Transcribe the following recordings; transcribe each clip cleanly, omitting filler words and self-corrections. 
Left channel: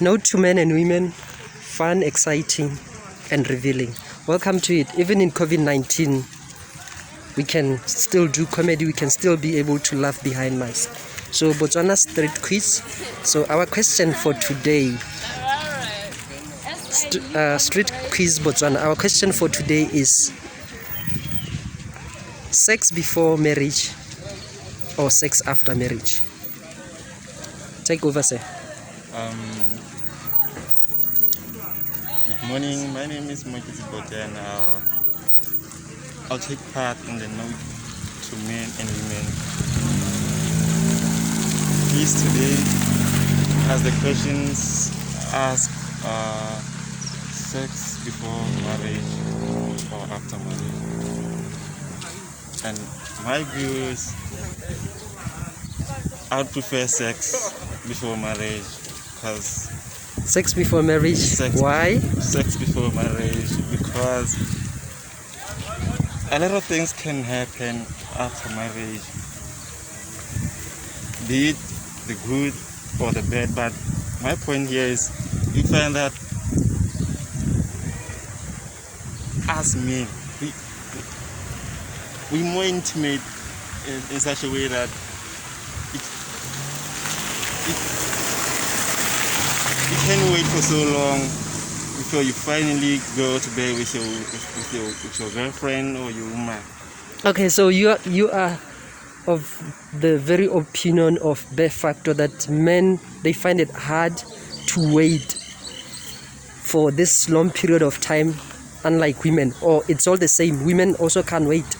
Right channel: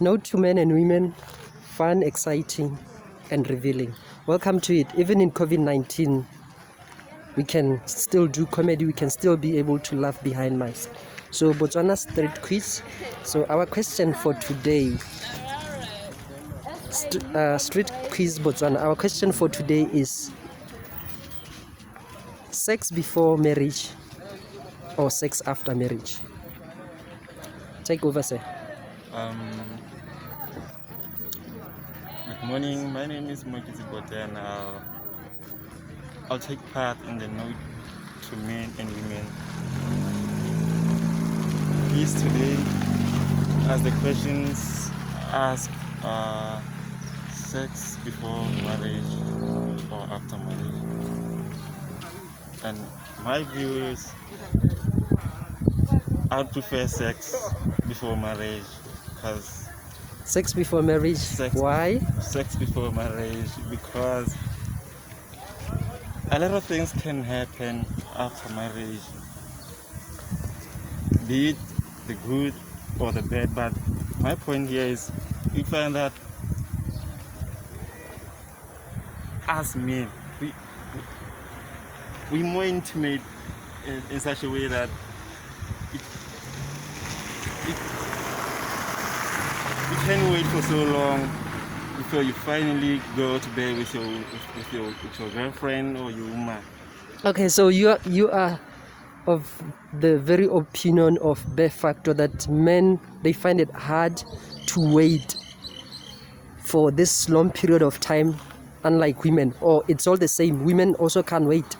Note to men and women, fun, exciting, and revealing. Welcome to it. Even in COVID-19, we can still do comedy, we can still be able to laugh behind masks. So Botswana street quiz. So our question for today, street quiz Botswana. Our question for today is sex before marriage or sex after marriage? Take over, sir. Good morning, my name is Botswana, and I'll take part in the note to men and women. Please today, as the questions ask, sex before marriage or after marriage. And my view is, I would prefer sex before marriage, because Sex before marriage. Why? Sex before marriage, because a lot of things can happen after marriage, be it the good or the bad. But my point here is, you find that as men, we more intimate in such a way that you can't wait for so long before you finally go to bed with your girlfriend or your woman. Okay, so you are of the very opinion of the factor that men, they find it hard to wait for this long period of time, unlike women, or it's all the same. Women also can't wait.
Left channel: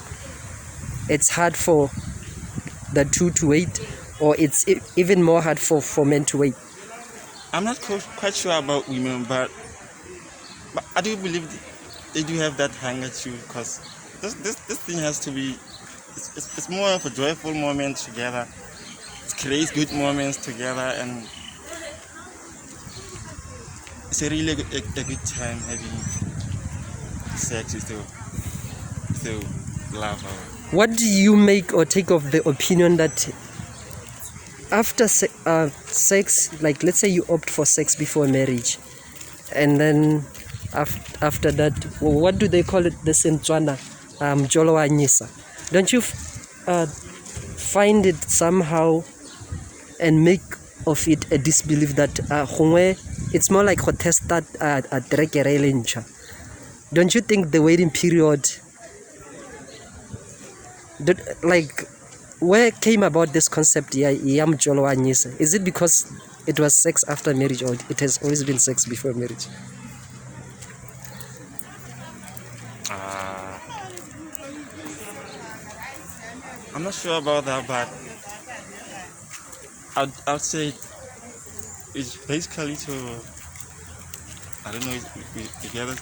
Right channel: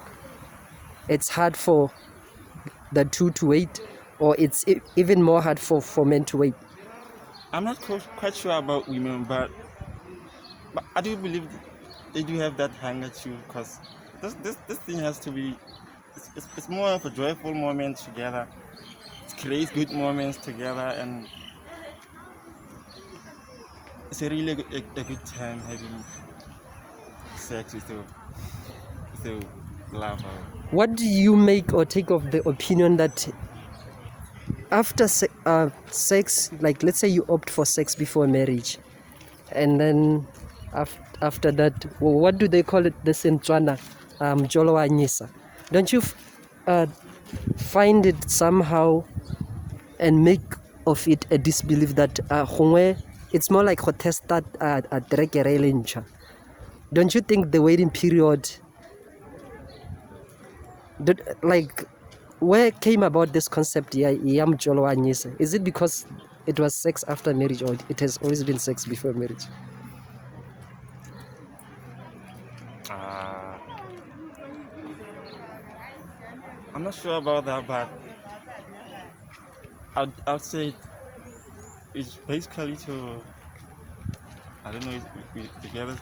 It's hard for the two to wait, or it's even more hard for men to wait. I'm not quite sure about women, but I do believe they do have that hunger too, because this thing has to be, it's more of a joyful moment together. It creates good moments together, and it's a really a good time having sex with your lover. What do you make or take of the opinion that after sex, like let's say you opt for sex before marriage, and then after that, what do they call it? The Botswana, Jolo wa nyisa. Don't you find it somehow and make of it a disbelief that it's more like a test that don't you think the waiting period, like, where came about this concept? Is it because it was sex after marriage, or it has always been sex before marriage? I'm not sure about that, but I'd say it's basically to, I don't know, if you ever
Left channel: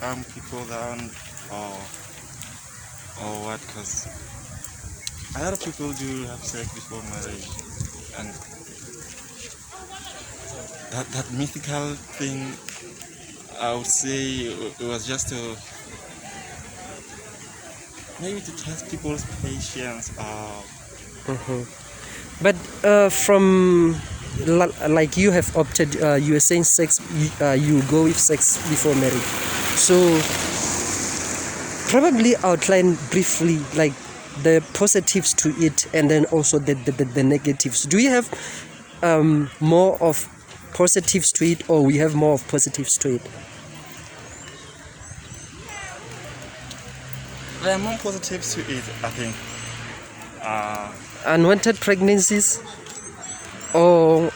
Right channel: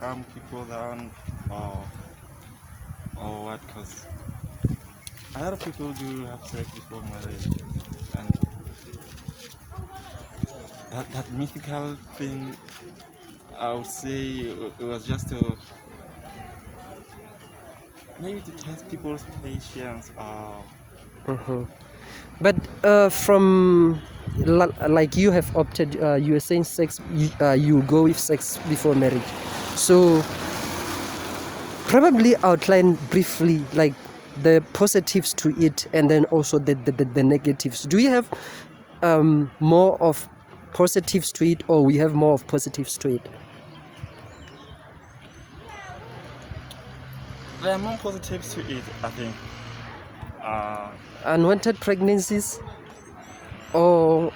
calm people down or what, because a lot of people do have sex before marriage, and that mythical thing, I would say it was just maybe to test people's patience. But from like you have opted, you were saying sex, you go with sex before marriage. So probably outline briefly like the positives to it, and then also the negatives. Do you have more of positives to it, or we have more of positives to it? There are more positives to it, I think. Unwanted pregnancies, or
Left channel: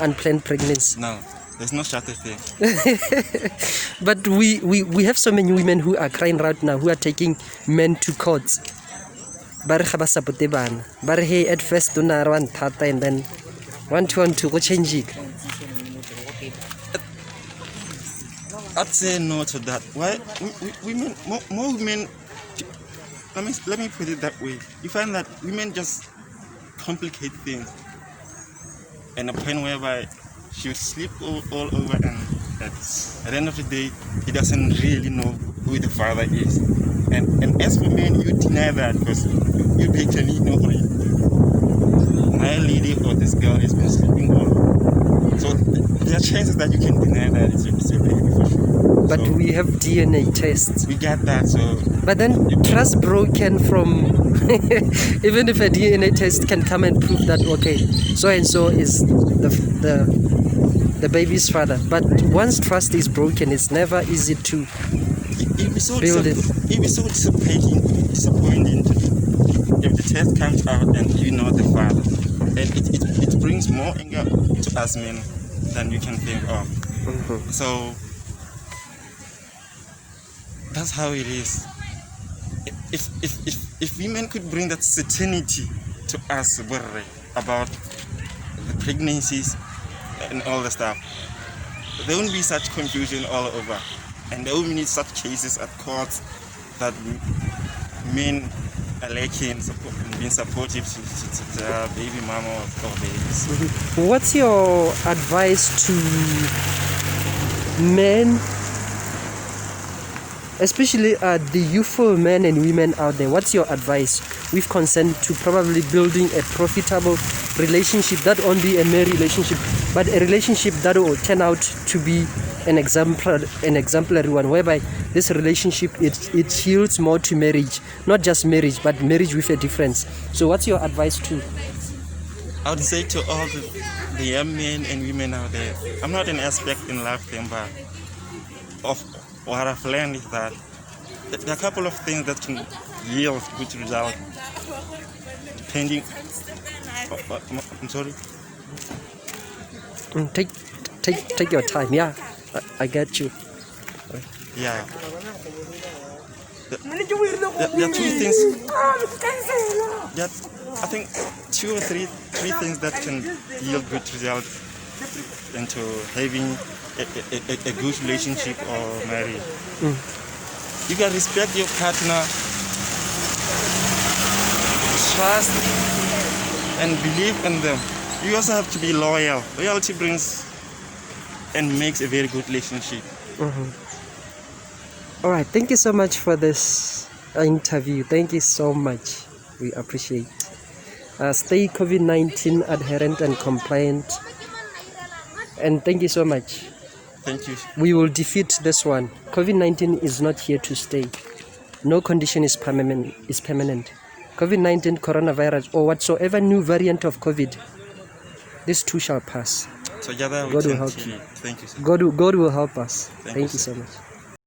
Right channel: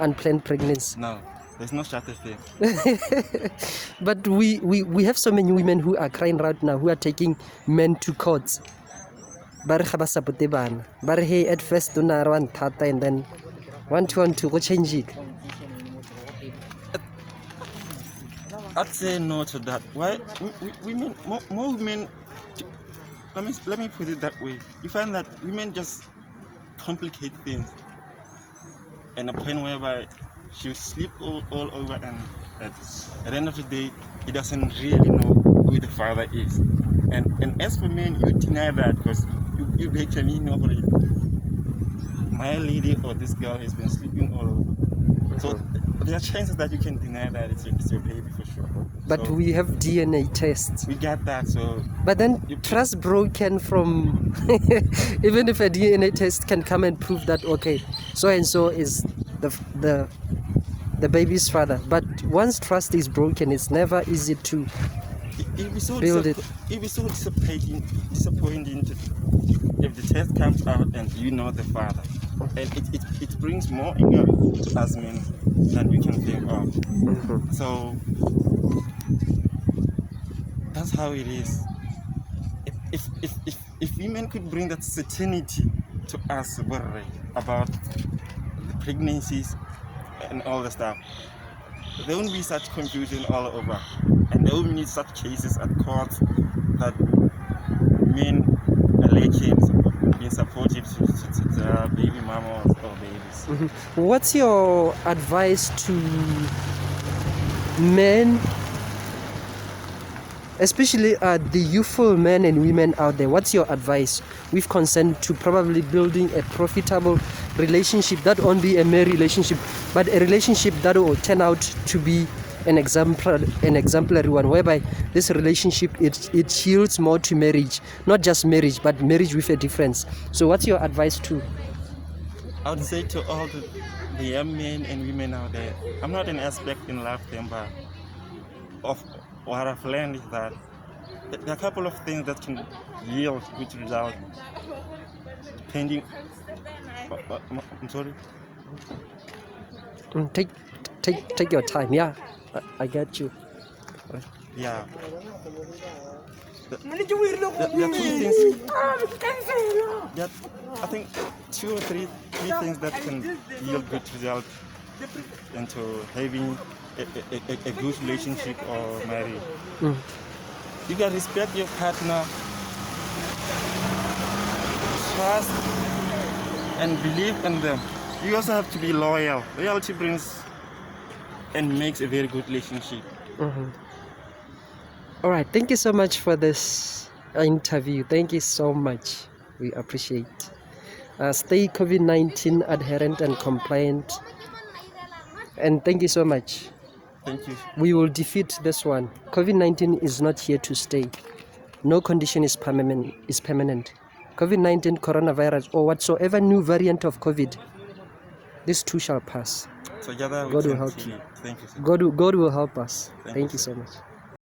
unplanned pregnancy. No, there's no such a thing. But we have so many women who are crying right now, who are taking men to courts. But hey, at first don't run tata, and then one to go change it. I'd say no to that. Why? Women, more women. Let me put it that way. You find that women just complicate things, and a point whereby she will sleep all over, and at the end of the day, he doesn't really know who the father is. And as for men, you deny that, because you basically know my lady or this girl has been sleeping all. So there are chances that you can deny that it's your baby for sure. But So we have DNA tests. we get that. So But then trust broken from even if a DNA test can come and prove that okay, so and so is the baby's father. But once trust is broken, it's never easy to it'd be so build it. it'd be so disappointing if the test comes out and you know the father. It brings more anger to us men than you can think of. So that's how it is. If women could bring that certainty to us about the pregnancies and all the stuff, there won't be such confusion all over, and there won't be such cases at courts that men are lacking being supportive to their baby mama or babies. What's your advice to men, especially the youthful men and women out there? What's your advice with concern to probably building a profitable relationship that won't be a mere relationship, but a relationship that will turn out to be an exemplary one, whereby this relationship it yields more to marriage, not just marriage, but marriage with a difference? So what's your advice to? I would say to all the young men and women out there, I'm not an expert in love thing, but of what I've learned is that there are a couple of things that can yield good result depending. I'm sorry. Take your time. Yeah, I get you. Yeah. There are two things. There are, I think 2 or 3 things that can yield good result into having a good relationship or marriage. You can respect your partner, trust and believe in them. You also have to be loyal. Loyalty brings and makes a very good relationship. All right, thank you so much for this interview. Thank you so much. We appreciate. Stay COVID-19 adherent and compliant. And thank you so much. Thank you. We will defeat this one. COVID-19 is not here to stay. No condition is permanent. COVID-19, coronavirus, or whatsoever new variant of COVID, this too shall pass. Together we God will can help achieve. you. Thank you, sir. God will help us. Thank Thank you, you so sir. much.